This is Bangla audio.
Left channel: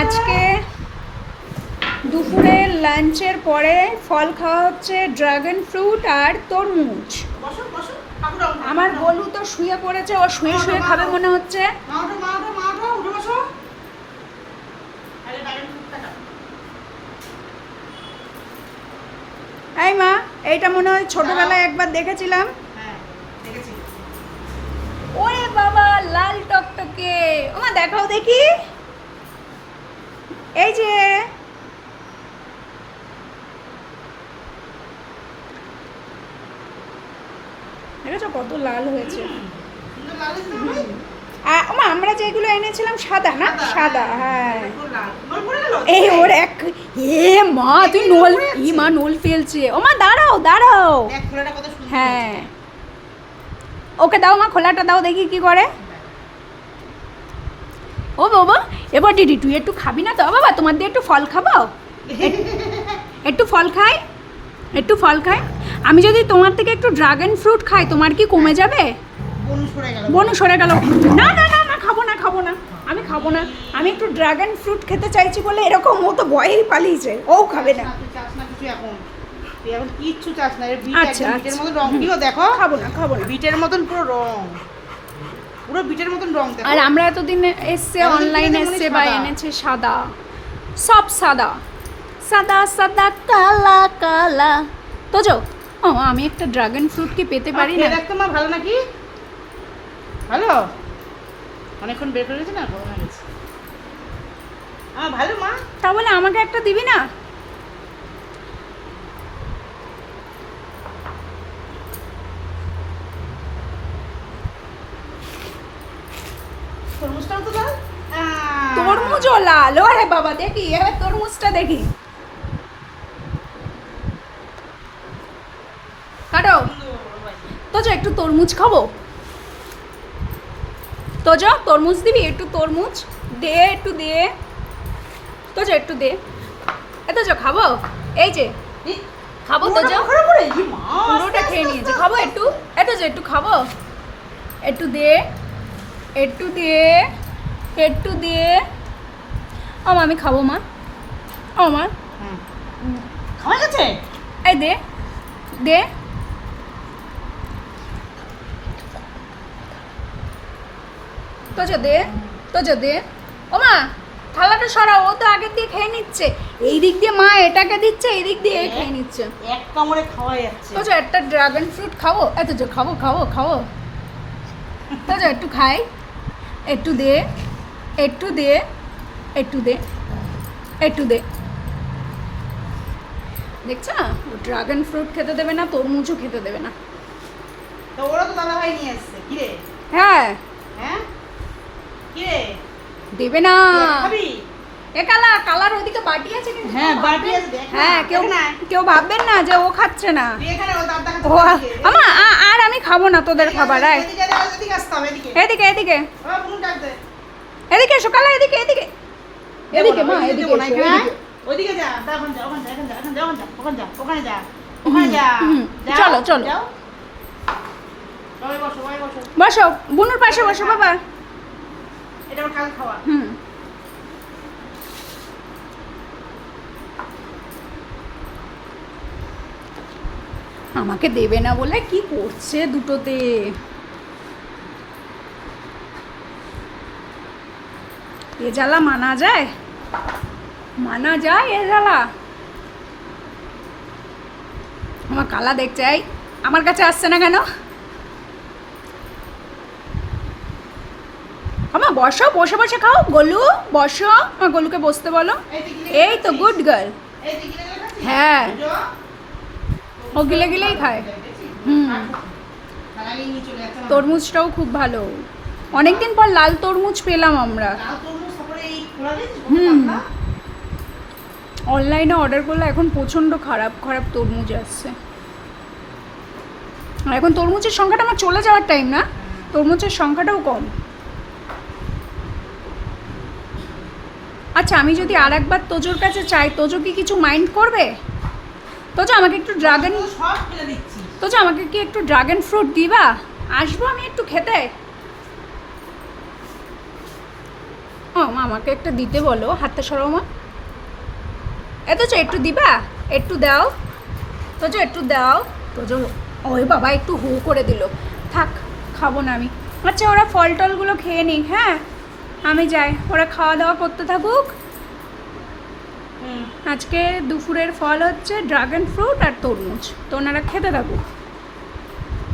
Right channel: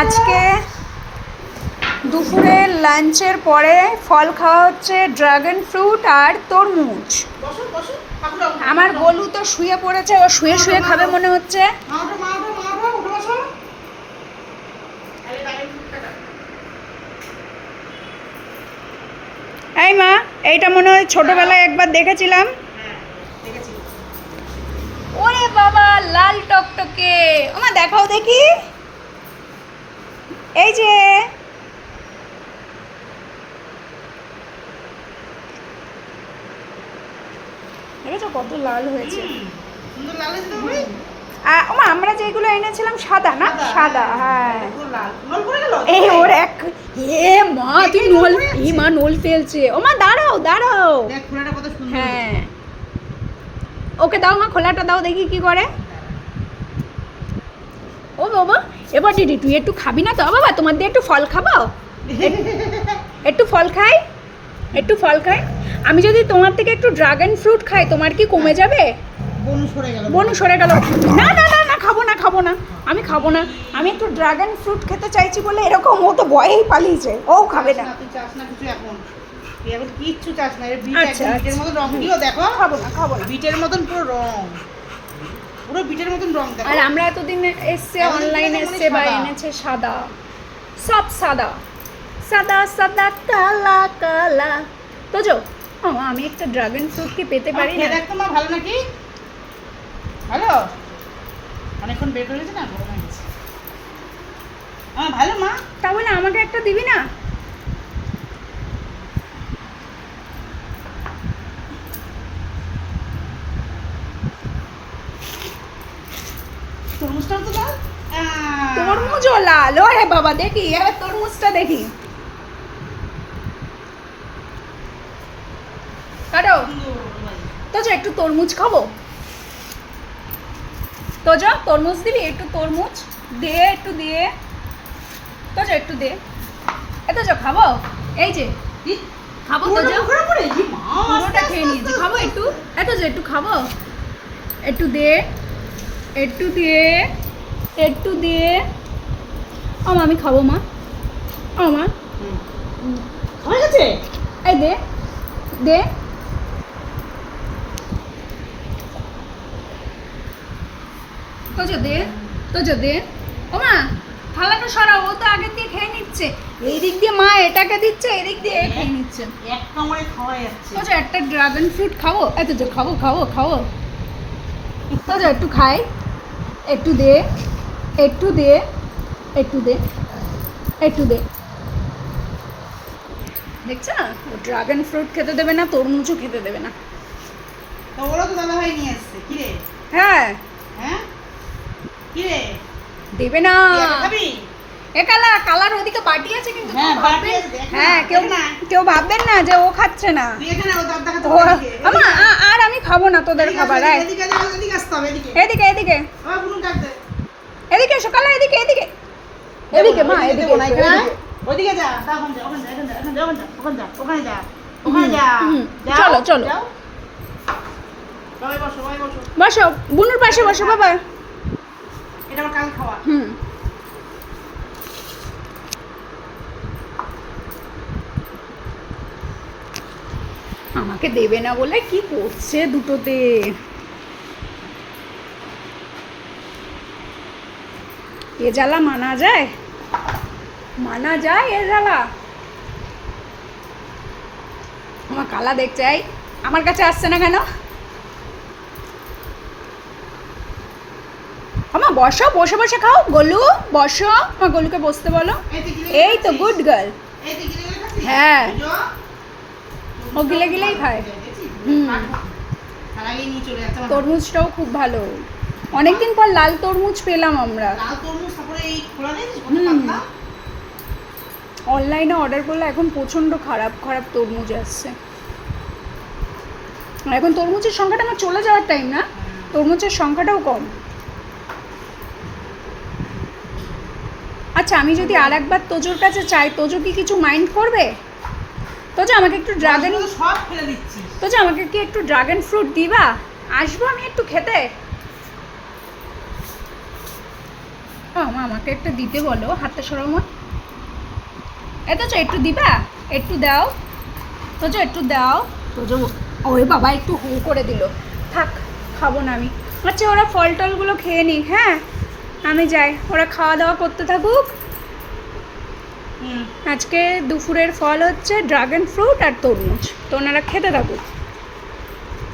আজকে দুপুরে লাঞ্চের পরে ফল খাওয়া হচ্ছে ড্রাগন ফ্রুট আর তরমুজ। আমার গোলু তো শুয়ে পড়েছে, ও শুয়ে শুয়ে খাবে মনে হচ্ছে। এই মা, এইটা মনে হয় ছোটবেলায় একবার দেখেছিলাম। ওরে বাবা, লাল টকটকে। ওমা দেখাও দেখি। এই যে দেখেছো কত লাল হয়েছে। ওমা আমরা যেগুলো এনেছিলাম সাদা না, সাদা। হ্যাঁ এই ওর এক এ মা, তুই নল, এই মা নল ফেলছে। ওমা দাঁড়াও দাঁড়াও। হ্যাঁ ওকে দাও মা, খোলাটা দাও দেখি কি করে। ও বাবা, এবার দিদি তুই একটু খাবি না তো? বাবা তোমার দিয়ে একটু ফল খাবো, একটু ফল খাই, একটু ফল খাই। আমি যদি তোমার থেকে একটু ড্রাগন ফ্রুট খাই, তোমার কি কমে যাবে? বনু সরে গেল। না না না না, খাবো না খাবো না, আমি খাবো না। আমি একটু ড্রাগন ফ্রুট খেতে চাইছি বলে এরকম, ও তো ভয়েই পালিয়েছে, ও খাবে না। কিচ্ছু চাস না, বিটের মতো রং দিও, দেখো। খাবো না খাবো না, বিটের মতন পুরো রং, পুরো বিটের মতন রং দেখো। আর আমরা এতদিন এসছে অনলাইনে এসছে বা এনেছে সাদা, সব সাদা সাদা সাদা কালা কালা। তো যাও ও, আমি একটা ড্রাগন ফ্রুট কি পেতে পারি না? দেখতো মা, ভালো নাকি? ভালো, অনেকক্ষণ বের করে গেছে না, গরম হয়ে গেছে। ভালো মা, তাহলে আমাকে একটা দিবি না? তরমুজটাও তো লাল। তরমুজও লাল? আরে বাবা, দেখি এবার তরমুজটা দেখি। কাটো তো, যা একটু তরমুজ খাবো। তো যা তরমুজ দিবি, একটু তরমুজ দে, একটু দিয়ে। তো যা একটু দে, এত যা খাবো। এই যে খাবো, তো যা পুরোটা খেয়ে নিয়েছি, খাবো একটু, এত যে একটু খাবো, একটু দে, একটু দিয়ে, একটু দিয়ে। ও মা, আমি খাবো মা, ও মা। খাওয়া গেছে? এই দে দে। তো যা দে, তো যা দে। ও মা থালাটা সরাও, ও তো আগের দিয়ে খেয়ে নিচ্ছে। এই দিক দিয়ে মা এটাকে দিচ্ছে, এই দিক দিয়ে খেয়ে নিচ্ছে। এক কামড়ে খাওয়া যাচ্ছে। তো যা একটা ড্রাগন ফ্রুট খাবো, এত যা খাবো খাবো খাবো। তো যা একটু খাই, একটু দে, একটু দে, একটু দে, একটু দে। দেখছ না, ও ড্রাগন ফ্রুট খেতে দেবে না, তরমুজও খেতে দেবে না। তো ওরা তো দাদা ভাই নিয়ে এসছে, কি রে? হ্যাঁ হ্যাঁ কি রে, দেবে না। খাবি? এ কালা, কালার ওদিকে বাটি আছে কিন্তু। হ্যাঁ বাটি আছে, দেখ। হ্যাঁ, কেউ কেউ ভাববেন না যে ও খাচ্ছে না। তুই এখানে ও দাঁত দেখাতে ও পারবি? আমা, আর আমি খাবো না তোদের খাবার। এদিকে এদিকে আসতে হবে, এদিকে। এদিকে এদিকে বাবা বুনুন ডাক দে। এদিকে এসো কালা, এদিকে এদিকে এদিকে মা, এদিকে দেবো না, এসো, এখানে এদিকে। ওইদিকে যা, ওখানে যা, ওখানে যা, ওখানে যা, ওখানে যা, ওখানে যা, ওখানে যা। যাও, চলো চলো, যাও। সবাই বসো, সবাই বসো। বসো বুনুর পাশে বসো বাবা। এটা আমার কাল খাওয়া। আমাকে দেবে না বলে কি করছে দুটোতে। এ জ্বালা মানা যায়? মানা যায় এ জ্বালা? আমার কালা দেখছে, এই আমার কাছে আসছে না কেন? আমা বসো, বসে বসে খাও। গোলু বসো, আমার গোলুকে বসতে বলো। এই তো গুড গার্ল। এই তুই গিলে গিলে খাচ্ছিস? হ্যাঁ, বুঝো? ও গিলে গিলেই খায়। খালাগিয়ে নিয়ে চলে যাচ্ছে আমার। তরমুজটাও খুব ভালো, অনেকদিন পর লাল তরমুজ পেলাম আমরা। লাল তরমুজ, তারপরে এই খোলা দিয়েছিস, কত হুম। পাতলা। অনলাইনে অর্ডার করলে এখন প্রচণ্ড খারাপ খারাপ তরমুজ আসছে। আর এখন তরমুজের সংখ্যাটা আমার চলে যাওয়ার টাইম না, তরমুজের সংখ্যাটাও কম। আচ্ছা, আমি যদি আর একবার তোজোর কাছে চাই, তোজো কি কিছু মাইন্ড করবে? তোজো আমাকে একটু ড্রাগন, সব ফেলে দিচ্ছিস। তোজো আমাকে কি একটু ড্রাগন ফ্রুট দিবা? আসবো আমি একটু খেতে। ও মা আমাকে একটা দিতে বলো, হাতটা সরাও মা। এতচ একটু দিবা, একটু দাও তোজ, একটু দাও তোজ। ওই বাবা একটু হু করে দিল, থাক খাবো না আমি। আচ্ছা ওরা ফল টলগুলো খেয়ে নিক, হ্যাঁ আমি যাই, ওরা খাওয়া দাওয়া করতে থাকুক। আজকে দুপুরের ফল হচ্ছে ড্রাগন ফ্রুট আর তরমুজ, তো ওনারা খেতে থাকুক।